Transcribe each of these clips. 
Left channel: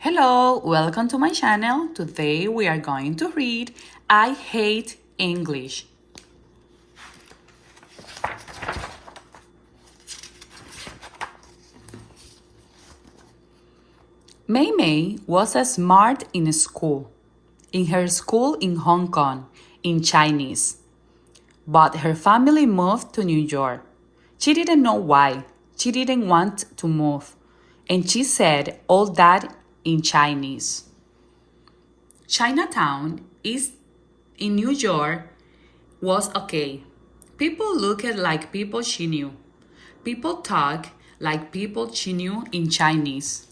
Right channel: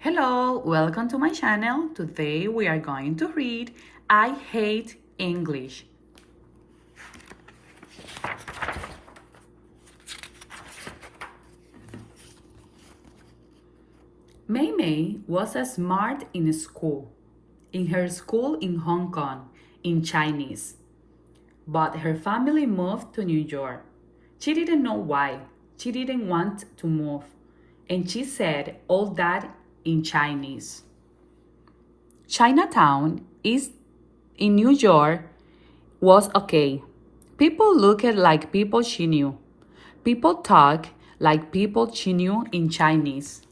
Hello, welcome to my channel. Today we are going to read I Hate English. Mei Mei was smart in school, in her school in Hong Kong, in Chinese. But her family moved to New York. She didn't know why. She didn't want to move. And she said all that in Chinese. Chinatown is in New York was okay. People looked like people she knew. People talk like people she knew in Chinese.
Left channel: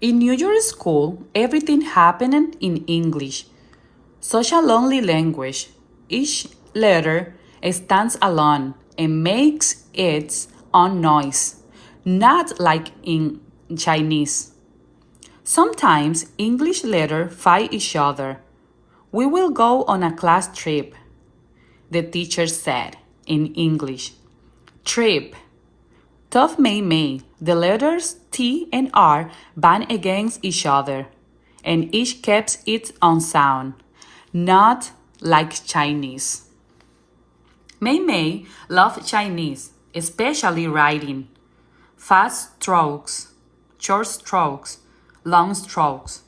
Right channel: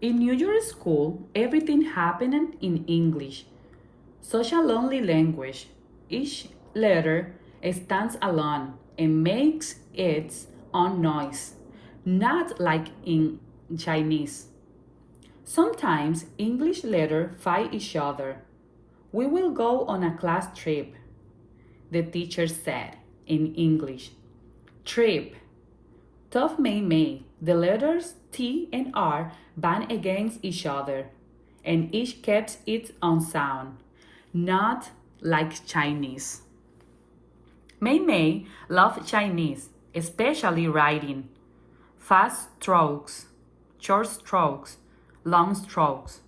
In New York school, everything happened in English. Such a lonely language. Each letter stands alone and makes its own noise, not like in Chinese. Sometimes English letters fight each other. We will go on a class trip, the teacher said in English. Trip. Tough Mei Mei, the letters T and R bang against each other, and each kept its own sound, not like Chinese. Mei Mei loved Chinese, especially writing. Fast strokes, short strokes, long strokes.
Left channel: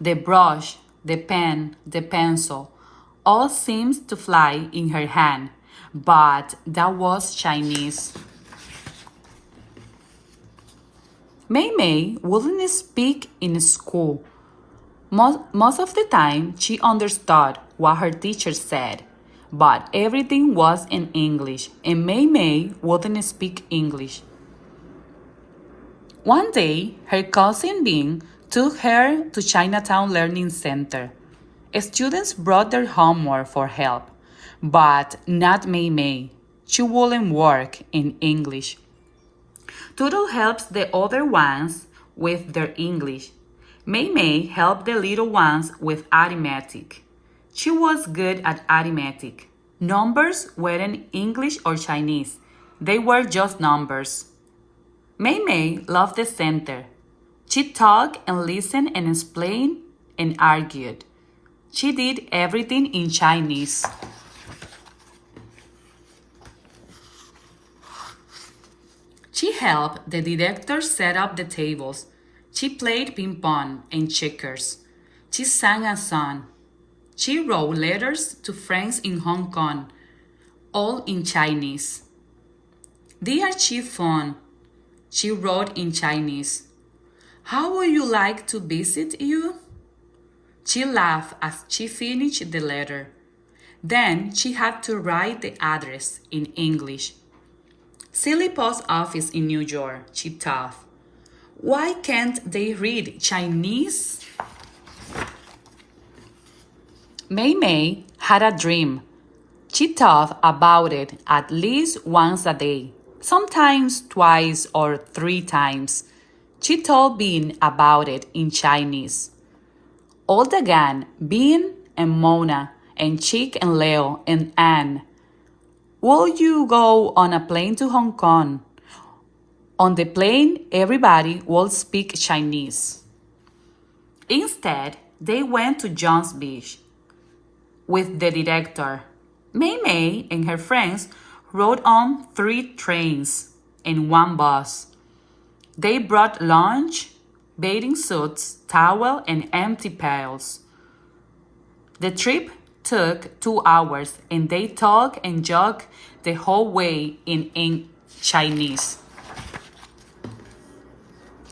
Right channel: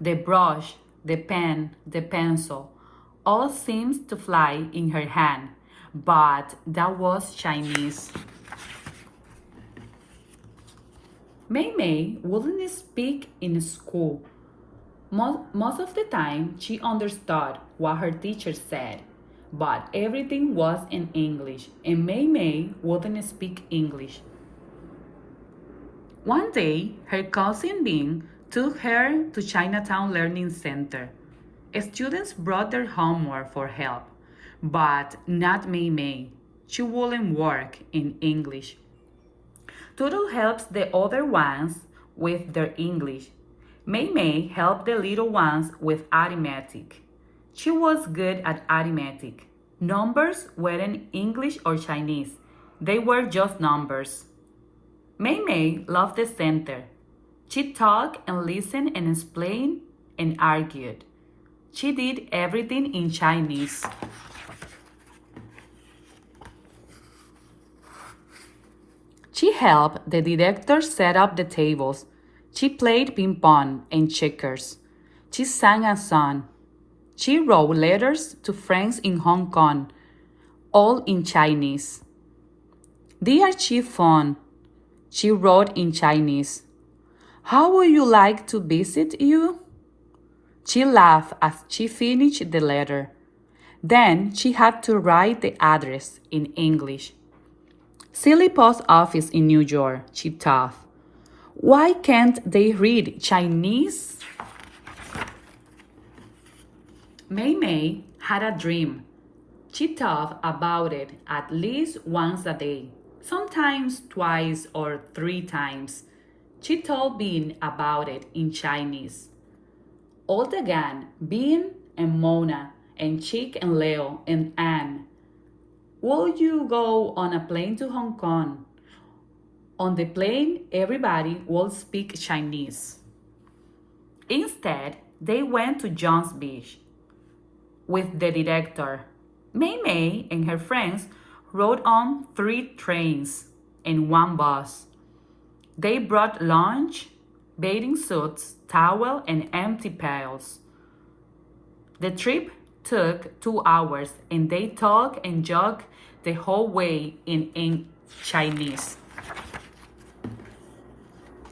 The brush, the pen, the pencil, all seems to fly in her hand, but that was Chinese. Mei Mei wouldn't speak in school. Most of the time, she understood what her teacher said, but everything was in English, and Mei Mei wouldn't speak English. One day, her cousin Bing took her to Chinatown Learning Center. Students brought their homework for help, but not Mei Mei. She wouldn't work in English. Toodle helps the other ones with their English. Mei Mei helped the little ones with arithmetic. She was good at arithmetic. Numbers weren't English or Chinese. They were just numbers. Mei Mei loved the center. She talked and listened and explained and argued. She did everything in Chinese. She helped the director set up the tables. She played ping pong and checkers. She sang a song. She wrote letters to friends in Hong Kong, all in Chinese. Dear Chiffon, she wrote in Chinese. How would you like to visit you? She laughed as she finished the letter. Then she had to write the address in English. Silly post office in New York, she thought. Why can't they read Chinese? Mei Mei had a dream. She thought about it at least once a day, sometimes twice or 3 times. She told Bean about it in Chinese. All the gang, Bean and Mona and Chick and Leo and Anne. Will you go on a plane to Hong Kong? On the plane, everybody will speak Chinese. Instead, they went to John's Beach with the director. Mei Mei and her friends rode on 3 trains and 1 bus. They brought lunch, bathing suits, towel, and empty pails. The trip took 2 hours, and they talked and joked the whole way in Chinese.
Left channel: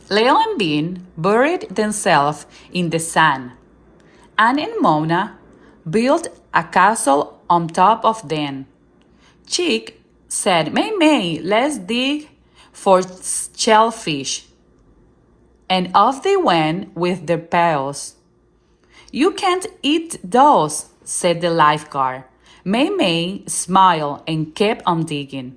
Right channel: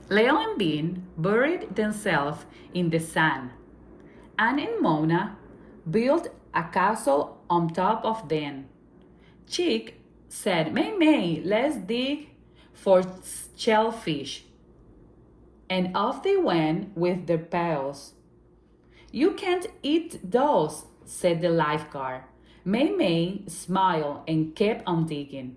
Leo and Bean buried themselves in the sand. Anne and Mona built a castle on top of them. Chick said, Mei Mei, let's dig for shellfish. And off they went with their pails. You can't eat those, said the lifeguard. Mei Mei smiled and kept on digging.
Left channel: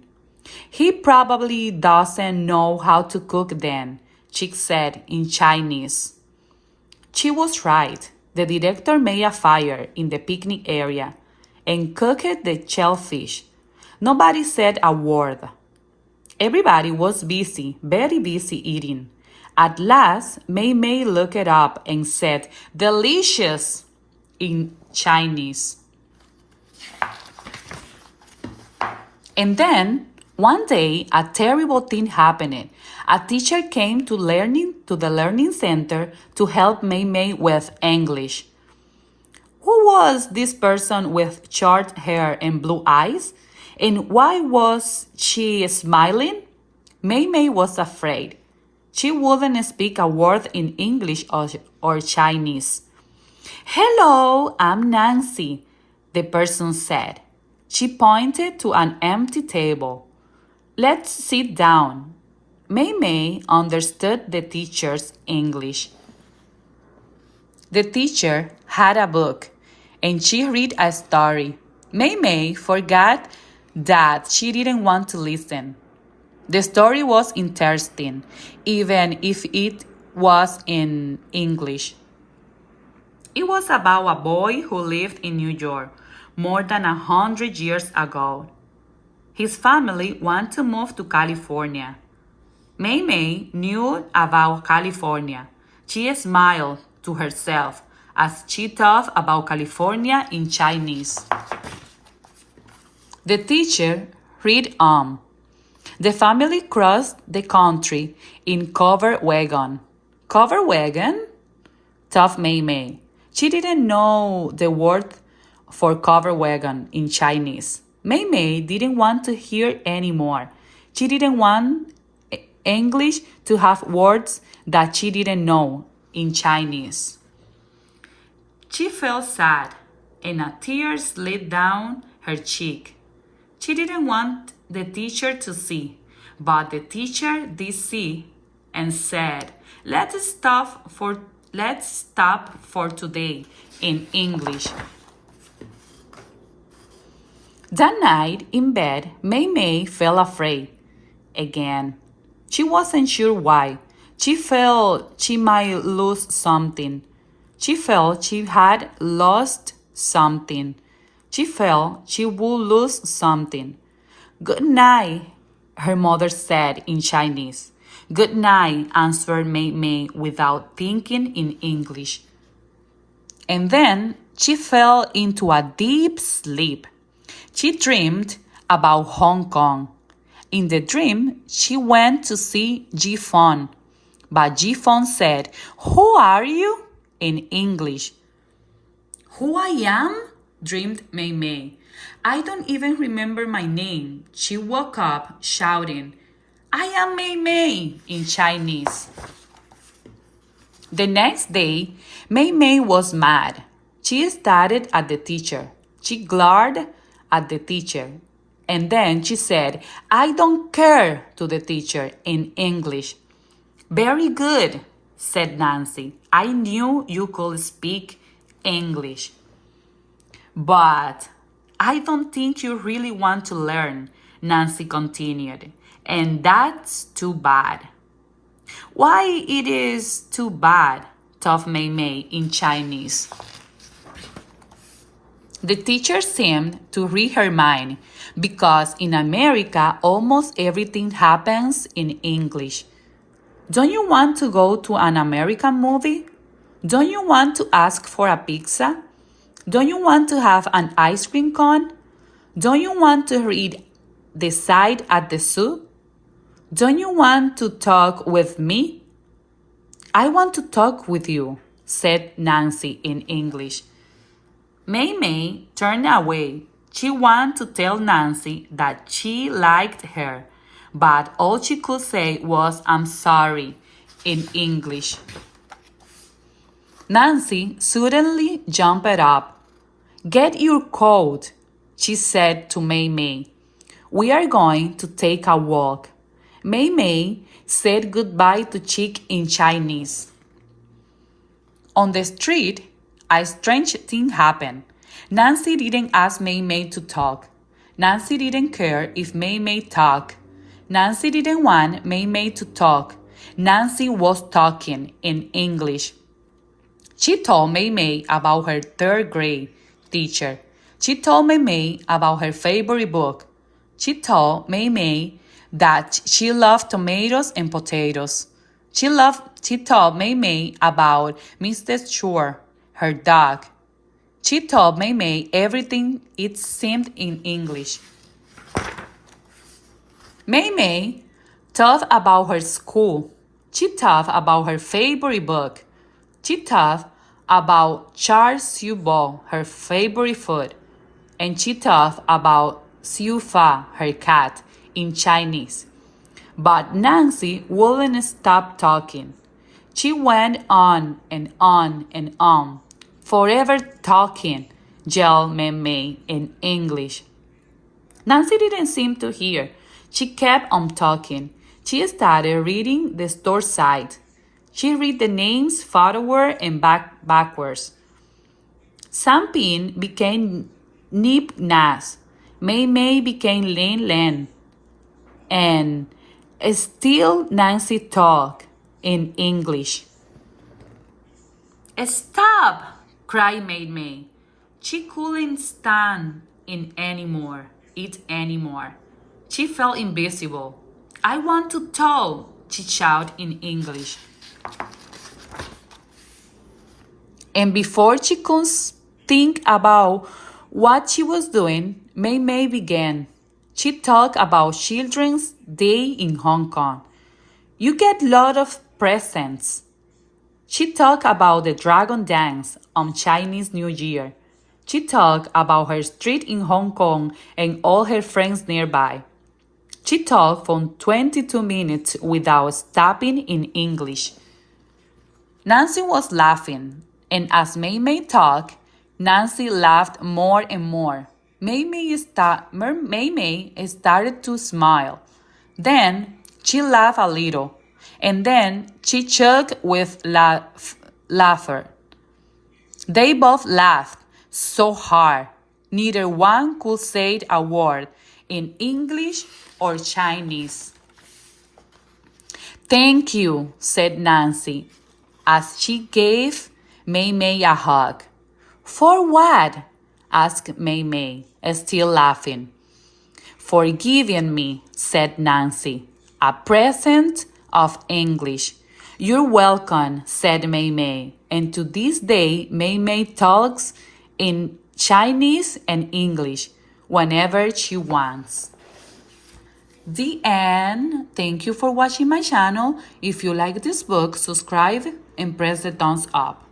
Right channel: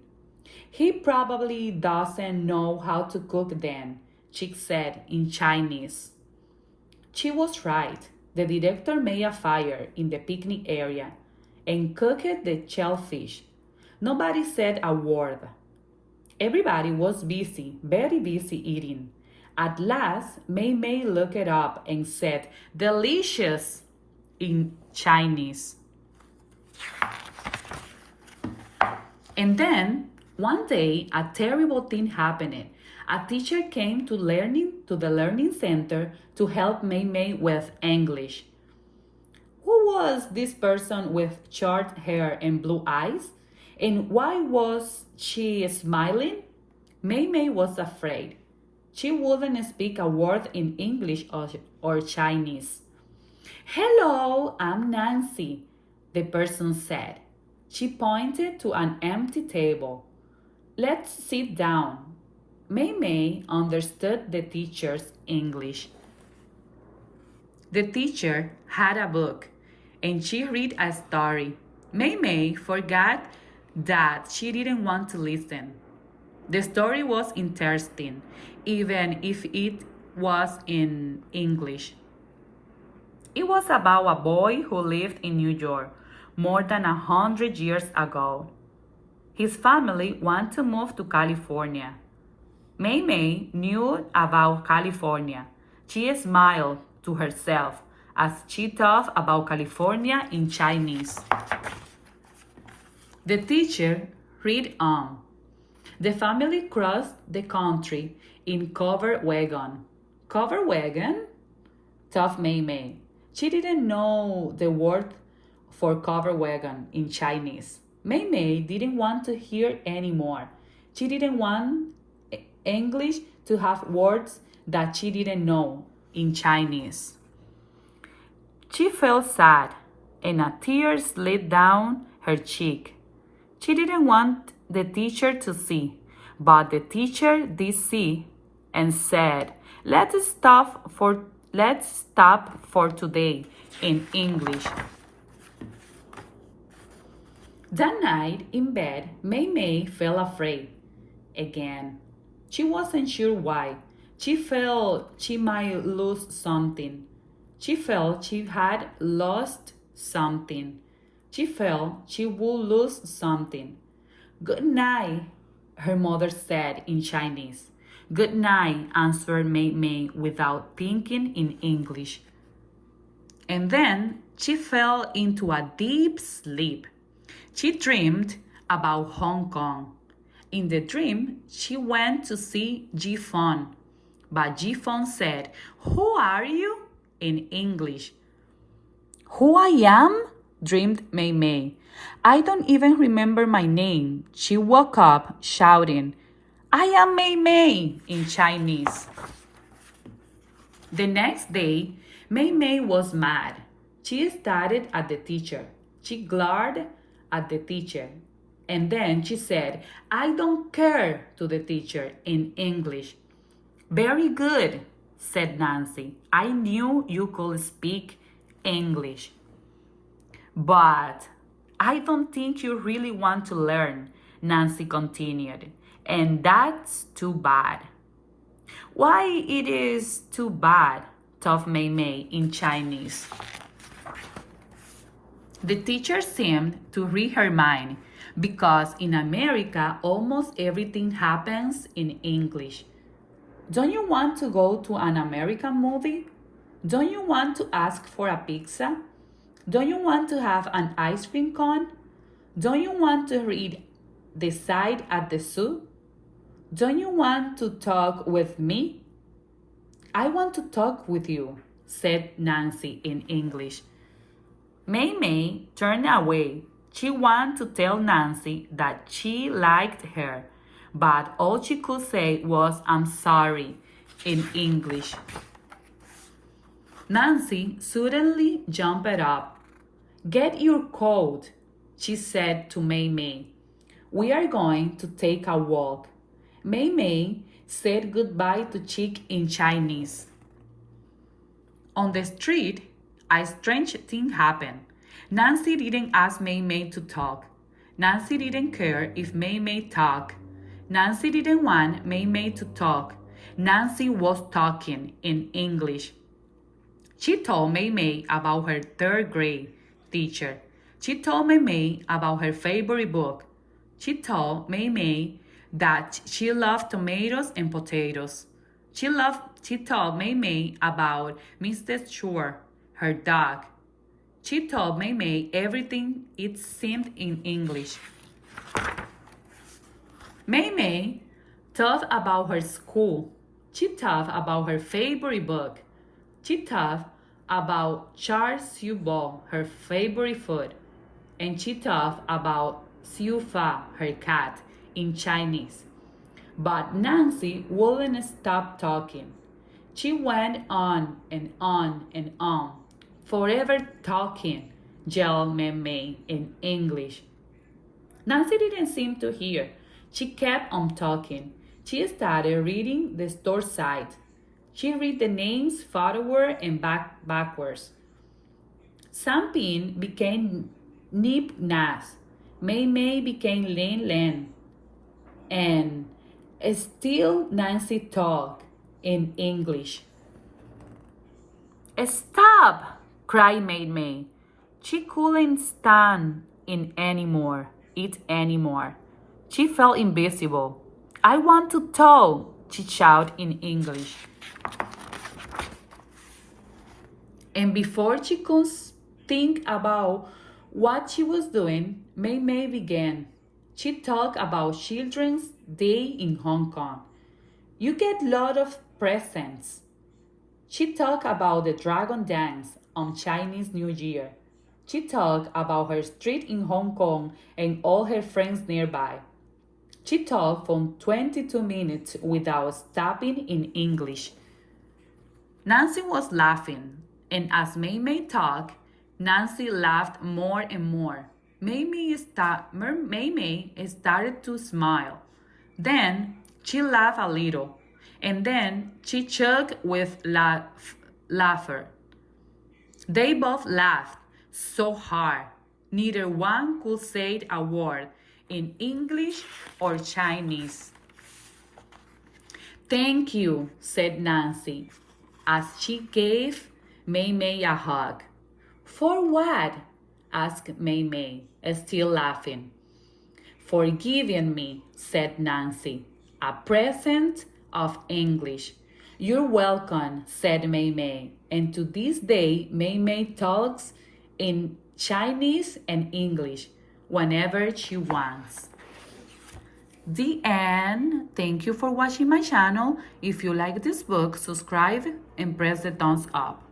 He probably doesn't know how to cook then, Chick said in Chinese. She was right. The director made a fire in the picnic area and cooked the shellfish. Nobody said a word. Everybody was busy, very busy eating. At last, Mei Mei looked it up and said, "Delicious," in Chinese. And then, one day, a terrible thing happened. A teacher came to the learning center to help Mei Mei with English. Who was this person with short hair and blue eyes? And why was she smiling? Mei Mei was afraid. She wouldn't speak a word in English or Chinese. "Hello, I'm Nancy," the person said. She pointed to an empty table. "Let's sit down." Mei Mei understood the teacher's English. The teacher had a book, and she read a story. Mei Mei forgot that she didn't want to listen. The story was interesting, even if it was in English. It was about a boy who lived in New York more than 100 years ago. His family wanted to move to California. Mei Mei knew about California. She smiled to herself as she thought about California in Chinese. The teacher read on. The family crossed the country in covered wagon. Covered wagon? Thought Mei Mei. She didn't know the word for covered wagon in Chinese. Mei Mei didn't want to hear anymore. She didn't want English to have words that she didn't know in Chinese. She felt sad, and a tear slid down her cheek. She didn't want the teacher to see, but the teacher did see and said, let's stop for today in English. That night in bed, Mei Mei felt afraid again. She wasn't sure why. She felt she might lose something. She felt she had lost something. She felt she would lose something. "Good night," her mother said in Chinese. "Good night," answered Mei Mei without thinking in English. And then she fell into a deep sleep. She dreamed about Hong Kong. In the dream, she went to see Ji Fon. But Ji Fon said, "Who are you?" in English. "Who I am?" dreamed Mei Mei. "I don't even remember my name." She woke up shouting, "I am Mei Mei," in Chinese. The next day, Mei Mei was mad. She started at the teacher. She glared at the teacher. And then she said, "I don't care," to the teacher in English. "Very good," said Nancy. "I knew you could speak English. But I don't think you really want to learn," Nancy continued. "And that's too bad." "Why it is too bad?" thought Mei Mei in Chinese. The teacher seemed to read her mind because in America almost everything happens in English. Don't you want to go to an American movie? Don't you want to ask for a pizza? Don't you want to have an ice cream cone? Don't you want to read the side at the zoo? Don't you want to talk with me? "I want to talk with you," said Nancy in English. Mei Mei turned away. She wanted to tell Nancy that she liked her, but all she could say was, "I'm sorry," in English. Nancy suddenly jumped up. "Get your coat," she said to Mei Mei. "We are going to take a walk." Mei Mei said goodbye to Chick in Chinese. On the street, a strange thing happened. Nancy didn't ask Mei Mei to talk. Nancy didn't care if Mei Mei talked. Nancy didn't want Mei Mei to talk. Nancy was talking in English. She told Mei Mei about her third grade teacher. She told Mei Mei about her favorite book. She told Mei Mei that she loved tomatoes and potatoes. She told Mei Mei about Mrs. Shore, her dog. She told Mei Mei everything it seemed in English. Mei Mei talked about her school. She talked about her favorite book. She talked about char siu bo, her favorite food. And she talked about siu fa, her cat, in Chinese. But Nancy wouldn't stop talking. She went on and on and on, forever talking, yelled Mei Mei in English. Nancy didn't seem to hear. She kept on talking. She started reading the store side. She read the names forward and backwards. Sampin became Nip Nas. Mei Mei became Len Len. And still Nancy talked in English. Stop! cried Mei Mei. She couldn't stand it anymore. She felt invisible. I want to talk, she shouted in English. And before she could think about what she was doing, Mei Mei began. She talked about Children's Day in Hong Kong. You get a lot of presents. She talked about the dragon dance on Chinese New Year. She talked about her street in Hong Kong and all her friends nearby. She talked for 22 minutes without stopping in English. Nancy was laughing, and as Mei Mei talked, Nancy laughed more and more. Mei Mei started to smile. Then she laughed a little, and then she choked with laughter. They both laughed so hard, neither one could say a word in English or Chinese. Thank you, said Nancy, as she gave Mei Mei a hug. For what? asked Mei Mei, still laughing. For giving me, said Nancy, a present of English. You're welcome, said Mei Mei, and to this day Mei Mei talks in Chinese and English whenever she wants. The end. Thank you for watching my channel. If you like this book, subscribe and press the thumbs up.